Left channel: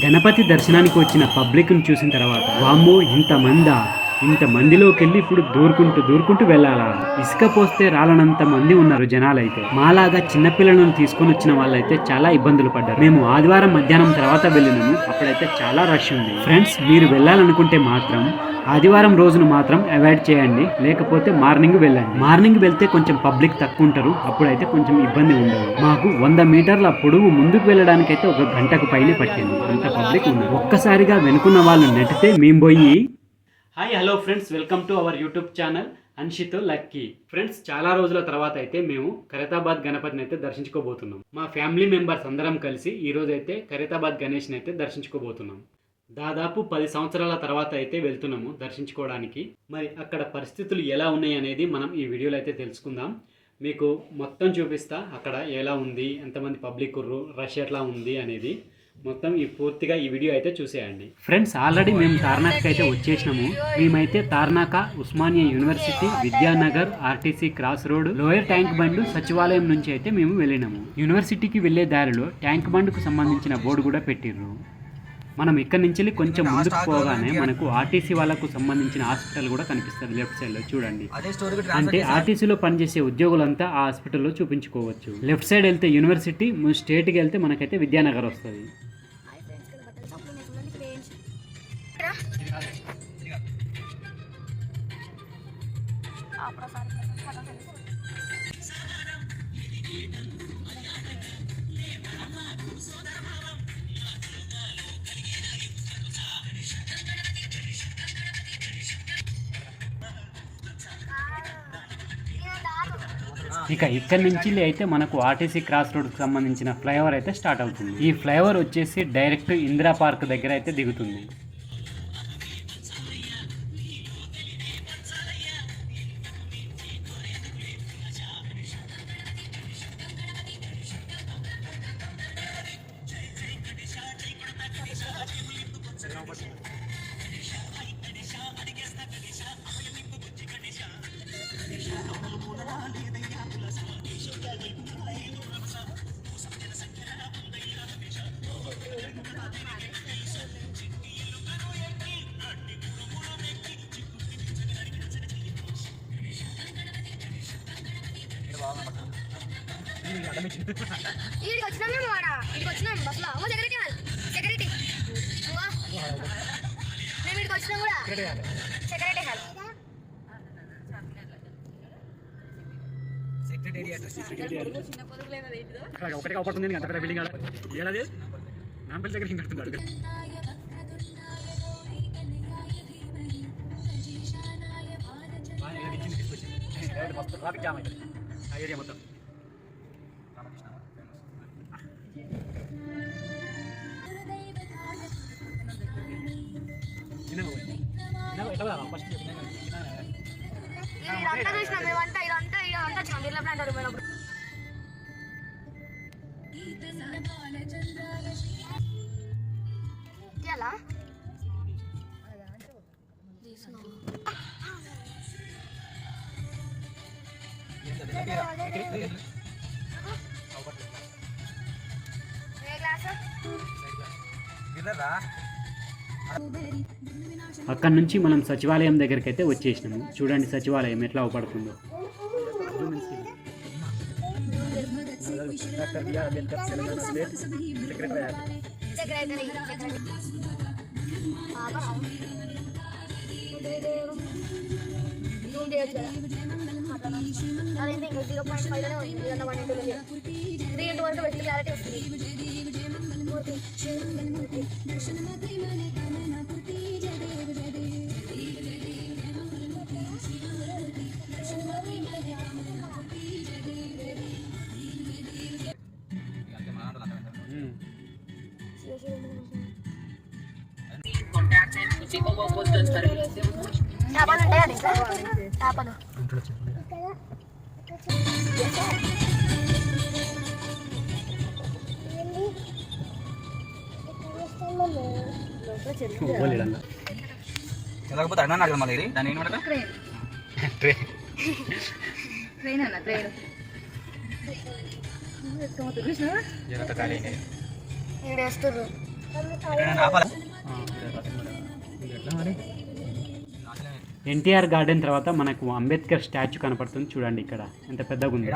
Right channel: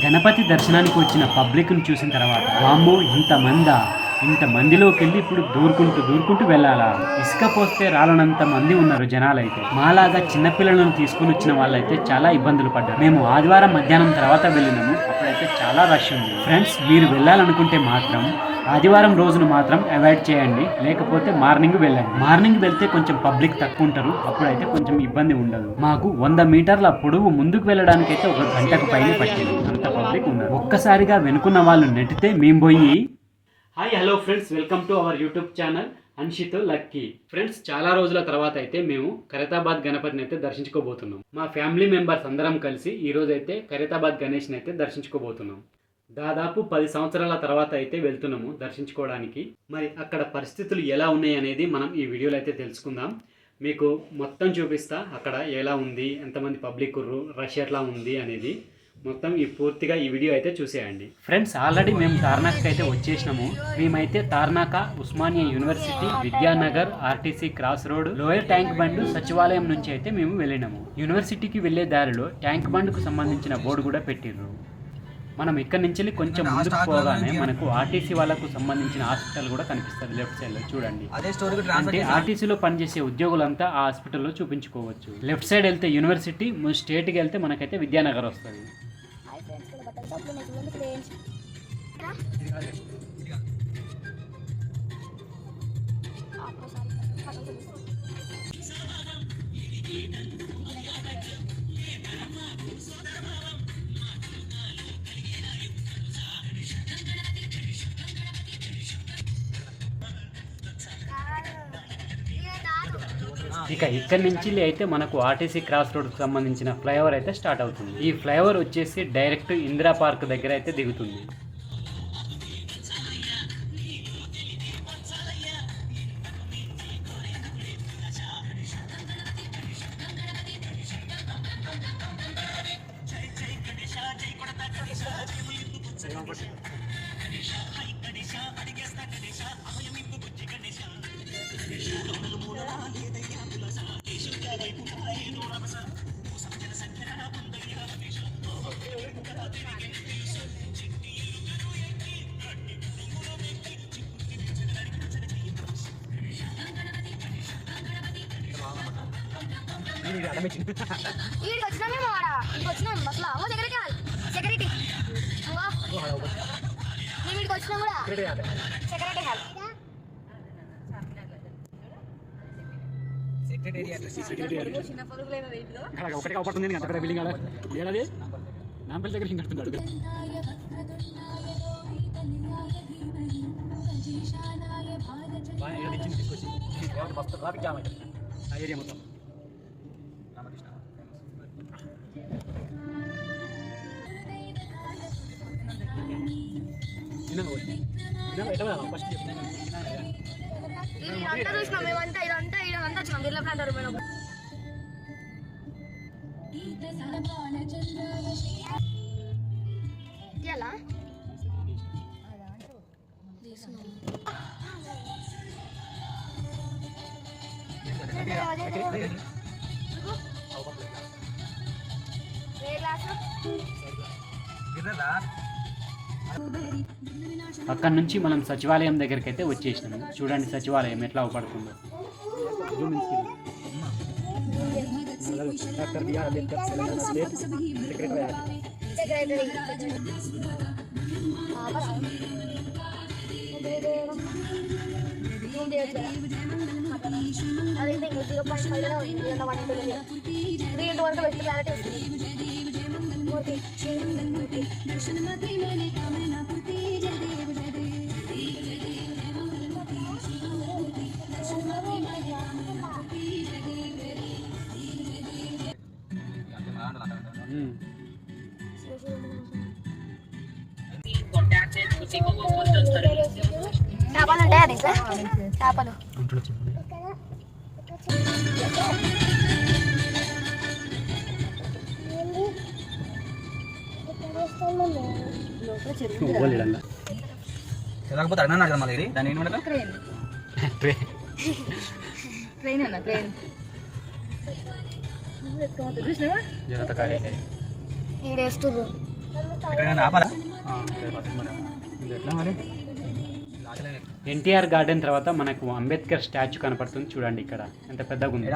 గణపతి దర్శనానికి వచ్చిన పబ్లిక్ను చూసిన తర్వాత వామ్మో ఇంతమందిలోకి వెళ్ళి ఇప్పుడు దూరుకుంటూ వెళ్ళాలా? ఇసుక పోస్తే రాలనంత మంది ఉన్నారు జనాలైతే. మాలాగా చిన్నపిల్లలను తీసుకొని వచ్చిన వాళ్ళైతే చాలా ఇబ్బందులు పడ్డారు. మేము ఆదివారం మధ్యాహ్నం తర్వాత వెళ్ళినాము, అప్పుడైతే చాలా రష్ ఉంది. ఫ్రెండ్స్, మీరు వెళ్ళాలనుకుంటే మాత్రం ఆదివారం రోజును మాత్రం అవాయిడ్ చేయండి, లేకపోతే మార్నింగ్ వెళ్ళండి. మార్నింగ్ వెళ్తే కొంచెం పబ్లిక్ తక్కువ ఉంటారు, అప్పుడైతే కొంచెం ఇబ్బంది ఉండదు. మాకు 100 మీటర్ల పొడవు ముందుకు వెళ్ళడానికైతే 1 గంటకు పైనే పట్టింది, అంత పబ్లిక్ ఉన్నారు. ఒక్కసారిగా వెనుకున్న వాళ్ళు నెట్టితే మేము పోయి hi hello friends, welcome to our YouTube channel అన్షితో లక్కీ. ఫ్రెండ్స్, చాలా రోజుల తర్వాత అయితే మేము ఖైరతాబాద్ గణపతిని అయితే దర్శించుకోబోతున్నాం. మా ఫ్యామిలీ మెంబర్స్ అందరం కలిసి ఈ రోజు అయితే ఖైరతాబాద్ గణేష్ని అయితే దర్శించుకోబోతున్నాం. దాదాపు 10 సంవత్సరాల తర్వాత అయితే వెళ్తున్నాము దర్శించుకోవడానికి. మరి అక్కడ పరిస్థితులు ఎలా ఉన్నాయి అనేది మనం ఈ వీడియోలో అయితే తెలుసుకుందాం. మీకు మొత్తం చూపిస్తా, అక్కడ ఎలా ఉంది, ఎంతమంది పబ్లిక్ రష్ ఎట్లా ఉంది అనేది మొత్తం పూర్తిగా ఈ వీడియో అయితే చూసేయండి. ఫ్రెండ్స్, ఆల్రెడీ మేము తార్నాక్ అయితే వచ్చేసినాము. మేమైతే Tarnaka, Osmania university, Vidyanagar, RTC cross road, lower tank bund, సచివాలయం నుంచి అయితే మేము వెళ్ళినాము. యూనివర్సిటీకి వెళ్ళే దారిలో ట్యాంక్ బండ్కు సంబంధించిన బోర్డు కూడా పెట్టిర్రు. మనం ఇక్కడి నుంచి కొంచెం ముందుకు పోగానే మనకు ఆర్టీసీ వాళ్ళకు సంబంధించిన హాస్పిటల్ కూడా కనిపిస్తుంది లెఫ్ట్ సైడ్ లో చూడండి. అంటే ఆర్టీసీలో పనిచేసే ఉద్యోగులంతా ఆ హాస్పిటల్లో చూపించుకోవచ్చు. లెఫ్ట్ సైడ్ వెళ్తే యూనివర్సిటీ, స్ట్రేట్కి వెళ్తే మనకైతే విద్యానగర్ వస్తుంది. ఇక ఇక్కడి నుంచి అయితే మనకు ఆర్టీసీ క్రాస్ రోడ్కి సంబంధించిన ఫ్లైఓవర్ అయితే స్టార్ట్ అవుతుంది. ఈ ఫ్లైఓవర్ వచ్చేసి డైరెక్ట్ ఇందిరా పార్క్ దగ్గర అయితే దిగుతుంది. ఒకటి అవపడుతుంది అక్కడ బిల్డింగ్ ఏడాది నాంపల్లి దగ్గర కడుతున్నాడు. ట్రాఫిక్ జామ్ అవుతుంది ఆ ఏరియా మొత్తం. అక్కడ నుంచి మనం సచివాలయం దగ్గరికి అయితే వచ్చేసినాము. చూడండి సచివాలయం ఎట్లా అవపడుతుందో. లేకపోతే అడిగినా కదా మళ్ళీ దాని ట్రైన్ అన్న ట్రైన్ ఎన్టీఆర్ గార్డెన్ తర్వాత మనకు అంబేద్కర్ స్టాచ్యూ కనపడుతుంది చూడండి. ఇక్కడ ఎంత పెద్దగా ఉంది,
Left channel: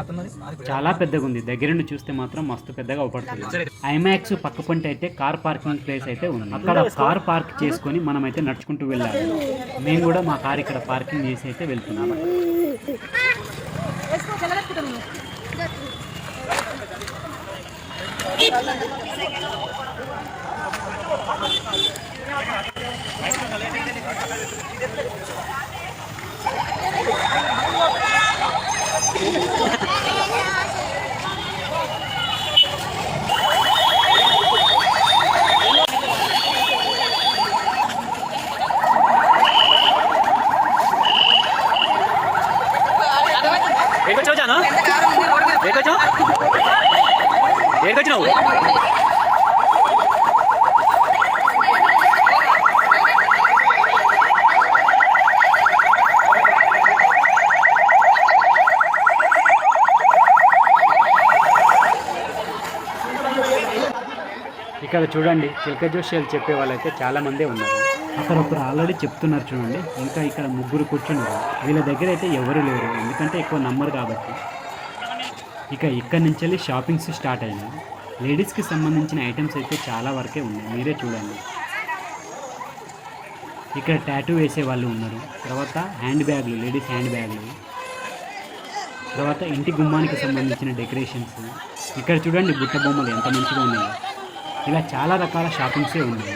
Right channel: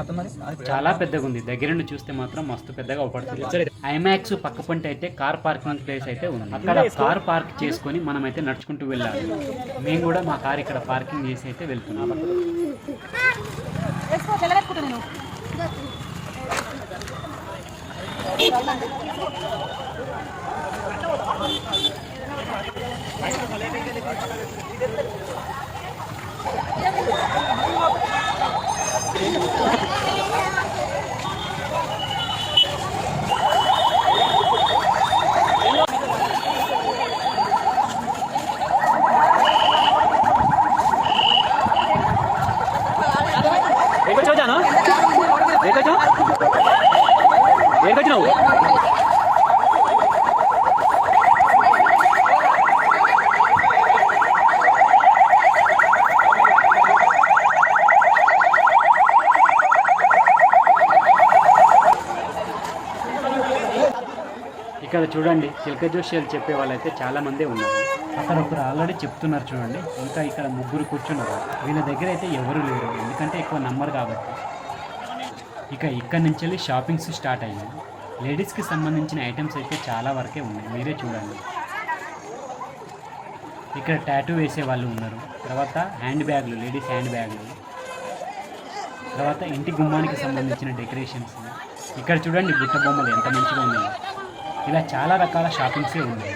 చాలా పెద్దగా ఉంది. దగ్గర నుండి చూస్తే మాత్రం మస్తు పెద్దగా అవపడుతుంది. ఐమాక్స్ పక్క పొంటి అయితే కార్ పార్కింగ్ ప్లేస్ అయితే ఉంది. అక్కడ కార్ పార్క్ చేసుకొని మనం అయితే నడుచుకుంటూ వెళ్ళాలి. మేము కూడా మా కార్ ఇక్కడ పార్కింగ్ చేసి అయితే వెళ్తున్నాం. ఇక్కడ చూడండి చిలక జోష్యాలు చెప్పే వాళ్ళైతే చాలా మందే ఉన్నారు. అక్కడ ఒకరు ఆల్రెడీ చెప్తున్నారు చూడండి. ఇంకా ఇక్కడ ముగ్గురు కూర్చున్నారు. వీళ్ళ దగ్గర అయితే ఎవరు లేరు, ఎందుకంటే ఎక్కువ నమ్మరు కాబట్టి. ఇక ఇక్కడ నుంచి వెళ్ళి షాపింగ్స్ స్టార్ట్ అయ్యాయి. లేడీస్కి సంబంధించిన ఐటమ్స్ అయితే చాలా వరకే ఉన్నాయి, మీరే చూడండి. ఇక్కడ టాటూ వేసే వాళ్ళు ఉన్నారు. తర్వాత హ్యాండ్ బ్యాగ్లు, లేడీస్ హ్యాండ్ బ్యాగ్లు, తర్వాత ఇంటి గుమ్మానికి సంబంధించిన డెకరేషన్స్. ఇక్కడ చూడండి బుట్ట బొమ్మలు ఎంత మంచిగా ఉన్నాయి. ఇలా చాలా రకాల షాపింగ్సే ఉన్నాయి.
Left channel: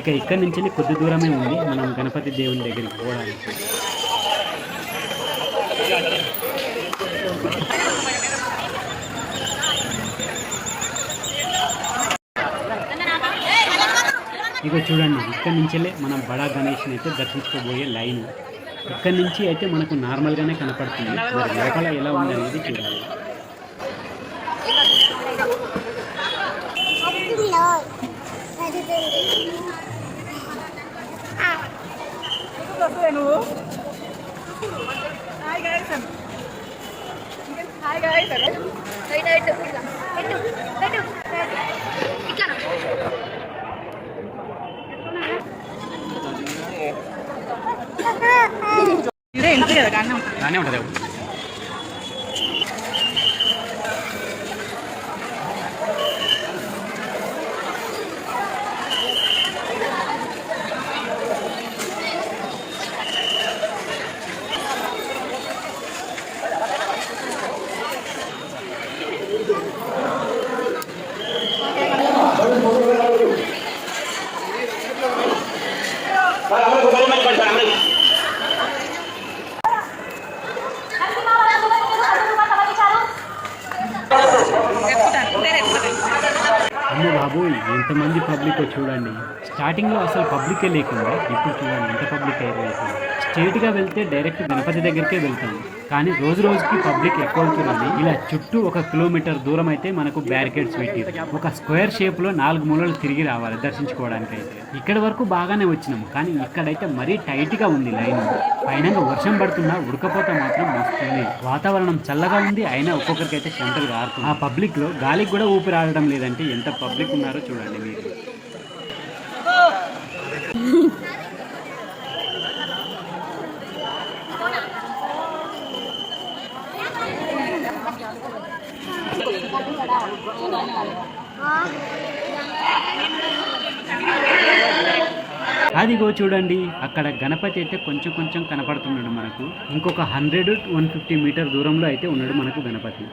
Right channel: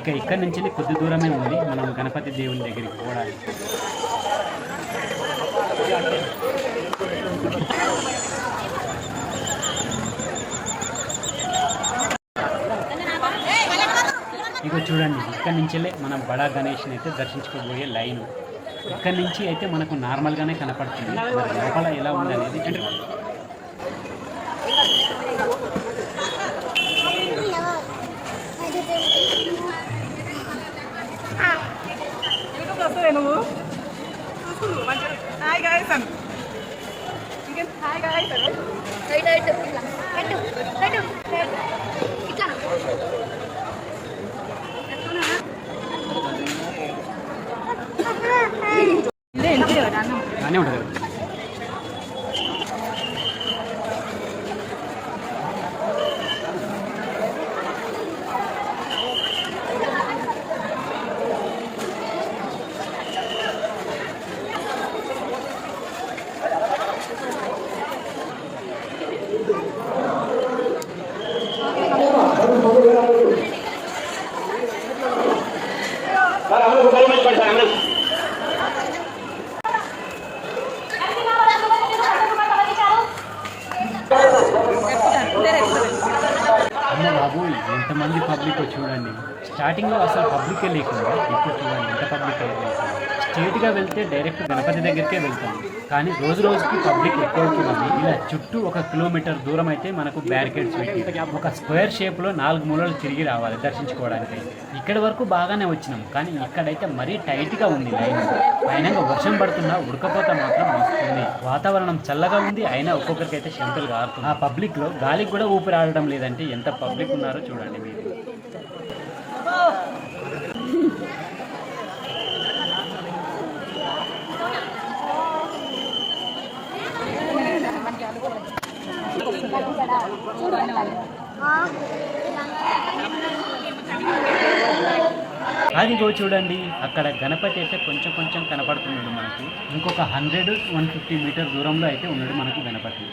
ఇక ఇక్కడ నుంచి వెళ్ళి కొద్ది దూరమే ఉంది మనం గణపతి దేవుని దగ్గరికి పోవడానికి. ఇక చూడండి ఇక్కడ నుంచి వెళ్ళి మనం బడా గణేష్ని అయితే దర్శించుకోబోయే లైను. ఇక్కడ నుంచి అయితే మనకు నార్మల్గానే కనపడుతుంది, మరి లోపల ఎలా ఉంది అనేది చూడాలి. బాగానే ఉంటుంది. అమ్మ బాబోయ్ ఎంతమంది పబ్లిక్ చూడండి. స్టార్టింగ్లో అసలు పబ్లికే లేకుండా ఇప్పుడు చూడండి ఎంత పబ్లిక్ అయిపోయింది. స్ట్రేట్గా వెళ్తే డైరెక్ట్ గణపతి దగ్గరికే వెళ్తాం, కానీ రోజు రోజుకి పబ్లిక్ ఎక్కువ అవుతుంది. ఇలా చుట్టూ 1 కిలోమీటర్ దూరం అయితే మనకు బ్యారికేడ్స్ పెట్టి ఒక స్క్వేర్ షేప్లో 4 మూలలు తిరిగి రావాలి దర్శించుకోవడానికి. అయితే ఇక్కడి వరకు బాగానే వచ్చినాం, కానీ ఇక్కడైతే మరీ టైట్గా ఉంది లైన్. పైన వర్షం పడుతున్నా ఉడకపోత మాత్రం వస్తుంది. వాతావరణం చల్లగా ఉంది, అయినా ఒక్కొక్కరికి అయితే చెమటలు కారుతుంది. ఆ పబ్లిక్లో గాలికి కూడా ఊపిరి ఆడడం లేదంటే ఎంత పబ్లిక్ ఉన్నారో చూడండి మీరు. అదిగో చూడండి అక్కడ గణపతి అయితే కొంచెం కొంచెం కనపడుతున్నాడు మనకు. ఇంకొక 100-150 మీటర్ దూరంలో అయితే ఉన్నాడు మనకు గణపతి.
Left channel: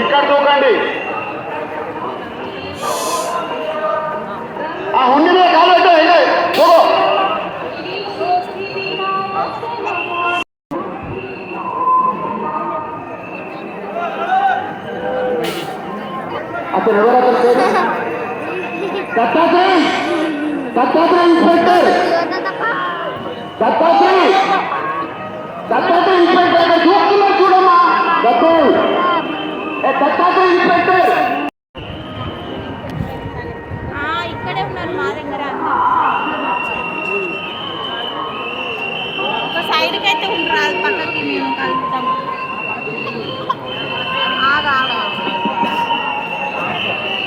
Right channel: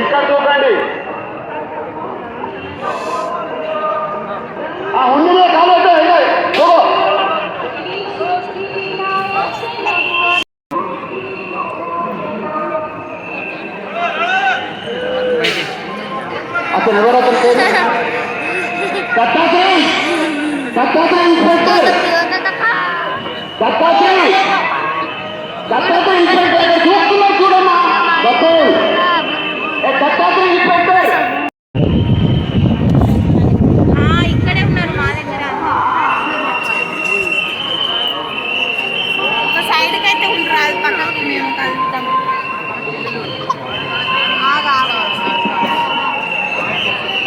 ఇక్కడ దూకండి. ఆ హుండీ కాలేదు అతను ఎవరు? అతను పేరు దత్తాత్రేయ ఇన్స్పెక్టర్. దత్తాత్రి ఇన్స్పెక్టర్ చూస్తున్నా చూడమ్మా దత్తు దత్తాత్రి ఇన్స్పెక్టర్ ఇక్కడే ఉన్నారు మా దగ్గర ఒక సైడ్కి అయితే ఉండరాదు పక్కకి మేము కలుపుతాము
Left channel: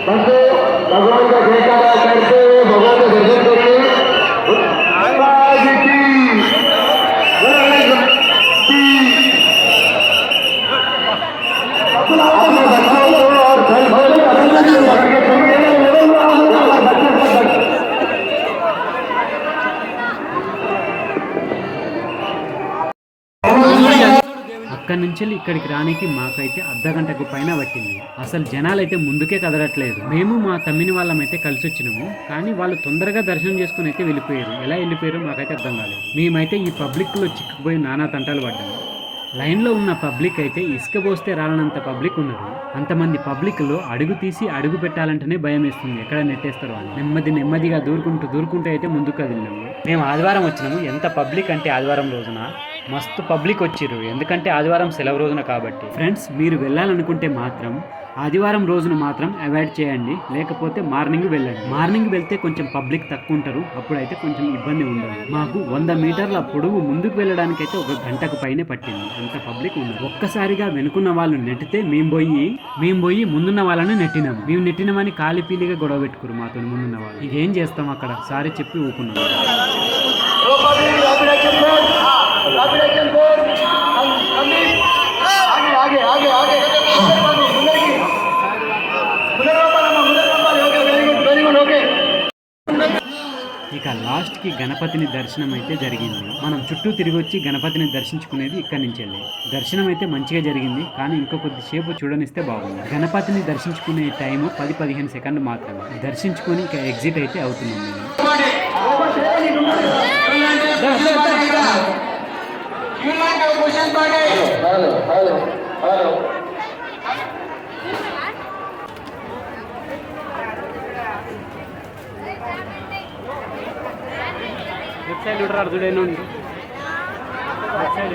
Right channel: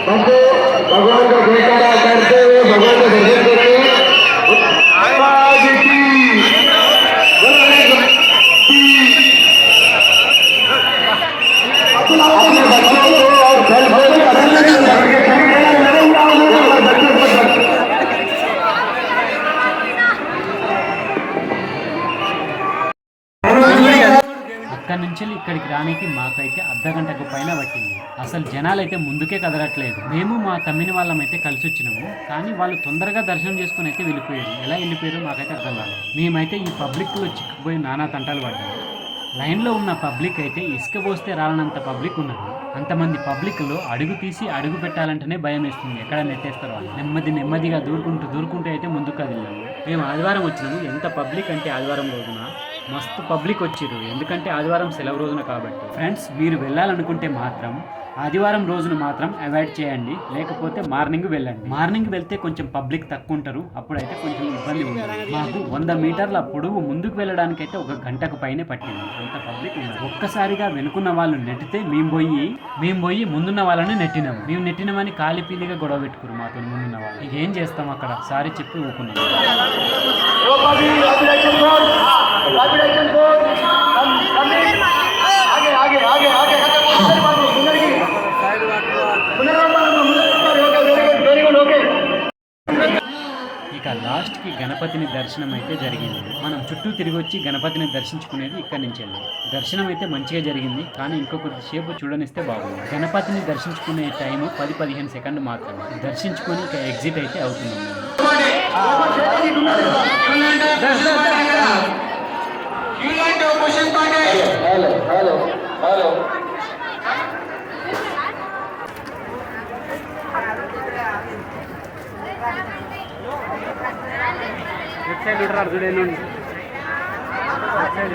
दत्तू भगवान का जयकारा करते हुए भगवान का दर्शन करते महाराज की अपने बच्चों को और घर भर में अभिनंदन అక్కడి నుంచి ఇక్కడికి రానికి మాకైతే అర్ధగంటకు పైన పట్టింది. అసలు జనాలైతే ముందుకే కదలట్లేదు. మేము మా తమ్మిని వాళ్ళమైతే కలిసి వచ్చినాము, కానీ వాళ్ళు తొందరగా దర్శనం చేసుకుని అయితే వెళ్ళిపోయారు. ఎలా వెళ్ళిపోయారో మాకైతే అర్థం కాలేదు. మేమైతే ఈ పబ్లిక్లో చిక్కుపోయి నానా తంటాలు పడ్డాము. లైన్లో ఉన్న పబ్లిక్ అయితే ఇసుక పోస్తే రాలనంత పబ్లిక్ ఉన్నది. అంతమంది పబ్లిక్లో అడుగు తీసి అడుగు పెట్టాలంటేనే భయం వేస్తుంది, ఎక్కడ నెట్టేస్తారో అని. నెమ్మదిగా దూరుకుంటూ అయితే ముందుకు కదిలినాము. మేము ఆదివారం వచ్చినాము. ఎంత పబ్లిక్ అంటే ఆదివారం రోజున మస్తు పబ్లిక్ వచ్చిర్రు, ఎందుకంటే ఆదివారం సెలవు రోజున కాబట్టి. ఫ్రెండ్స్, మీరు వెళ్ళాలనుకుంటే మాత్రం ఆదివారం రోజున మాత్రం అవాయిడ్ చేయండి, లేకపోతే మార్నింగ్ వెళ్ళండి. మార్నింగ్ వెళ్తే కొంచెం పబ్లిక్ తక్కువ ఉంటారు, అప్పుడైతే కొంచెం ఇబ్బంది ఉండదు. మాకు 100 మీటర్ల పొడుగు ముందుకు వెళ్ళడానికి అయితే 1 గంటకు పైనే పట్టింది, అంత పబ్లిక్ ఉన్నారు. ఒక్కసారిగా వెనుకున్న వాళ్ళు నెట్టితే మేము పోయి ముందున్న వాళ్ళని నెట్టినాము. మేము నెట్టినామని కాలిపీలిగా గొడవ పెట్టుకురు మాతో ముందున్న వాళ్ళు. ఇదేం చేస్తాం అక్కడ, సారీ చెప్పి ఊకున్నాం. ఇక లాస్ట్కి గణపతిని దర్శనం అయితే జరిగింది. మనం చుట్టూ తిరిగి వచ్చి గణపతిని దర్శించుకునేది ఇక్కడి నుంచి వెళ్ళి. దర్శనం అయితే మంచిగా జరిగింది, కానీ ఇంకో కొద్దిసేపు చూడనిస్తే బాగుంది. గణపతిని దర్శించుకునే టైము 10-15 సెకండ్లు మాత్రమే. దర్శించుకొని ఇక ఎగ్జిట్ అయితే అవుతున్నాం మేము. లెఫ్ట్ సైడ్ ఉంటారు చూడండి. లెఫ్ట్ సైడ్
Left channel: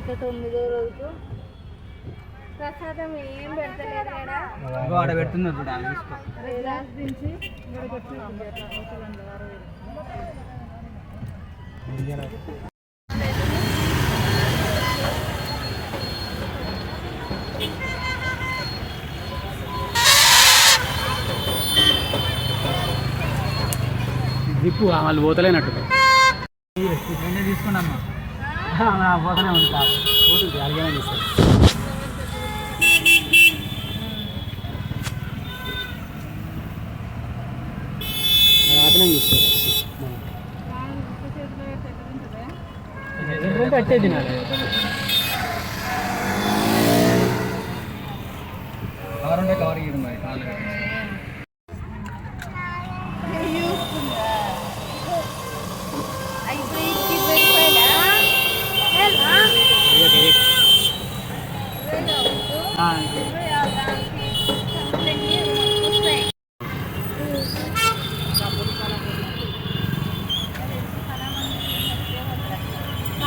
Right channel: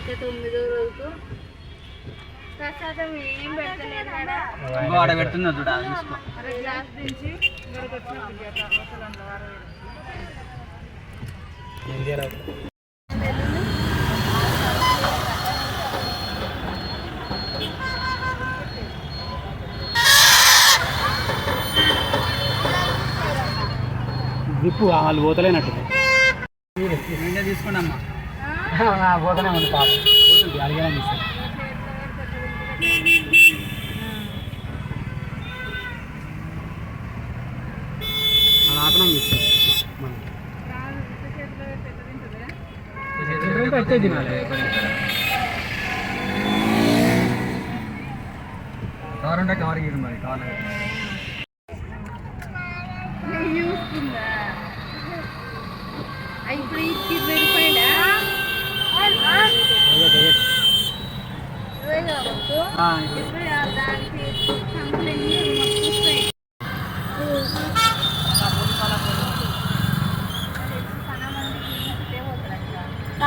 ఇంకా 9వ రోజుకు ప్రసాదం ఏం పెడతలేదు మేడం. ఆడ పెడుతున్నా చూడ తీసుకో. గ్లాస్ దించి జిప్పు వాళ్ళు పోతలేనట్టు నేనే తీసుకున్నామ్మా. పోతనే ఉంది పాప, పోతుంది అడిగానే తీస్తారు. అలా ఆపనం చేస్తారు. అట్టే తినాలి. కవర్ ఉంటే కవర్ ఇవ్వండి మరి, కావాలి. ఇప్పుడు 20 రూపాయలా? 20 కావచ్చు. 20 దానికి సంబంధించి వస్తాయి.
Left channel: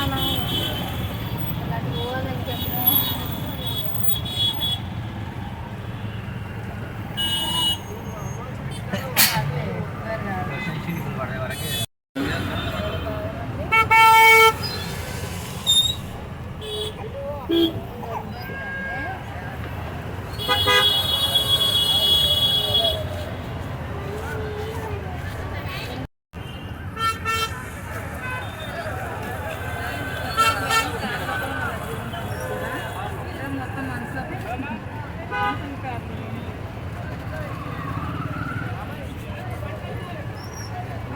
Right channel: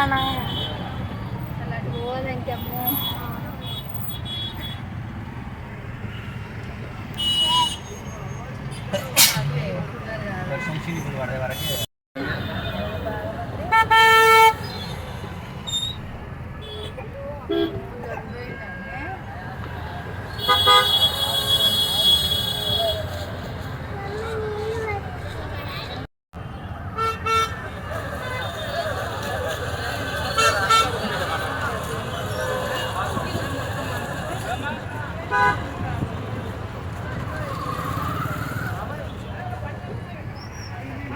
అలాంటి పోవాలని చెప్పు. పడే వరకే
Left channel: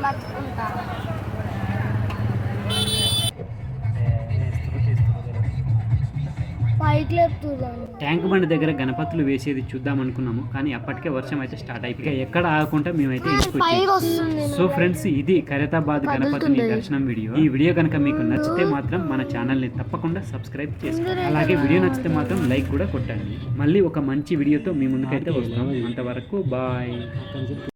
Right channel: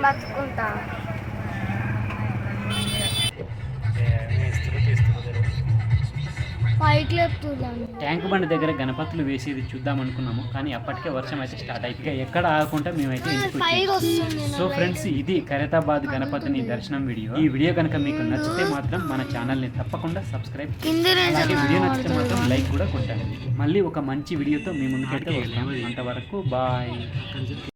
బతుకుంటా పైకి లేపుతున్నాను. ట్యాంక్ బండ్ దగ్గర గణపతులు వేసేది చూద్దాం అనుకున్నాము, కానీ అప్పటికే వర్షం అయితే స్టార్ట్ అయిపోయి ఇక ఎక్కడ ఆగకుండా మేమైతే ఇంటికి పైకి వచ్చాము. వస్తుంది సో ఫ్రెండ్స్, ఇది ఖైరతాబాద్ గణపతిని దర్శనం వీడియో. ఈ వీడియో కనుక మీకు నచ్చితే మాత్రం మన ఛానల్ని తప్పకుండా సబ్స్క్రైబ్ చేయండి. అలాగే వీడియో నచ్చితే మాత్రం లైక్ కూడా కొట్టండి. మళ్ళీ ఒక మంచి వీడియోతో మీ ముందుకైతే వస్తాము. అంతవరకు బాయ్.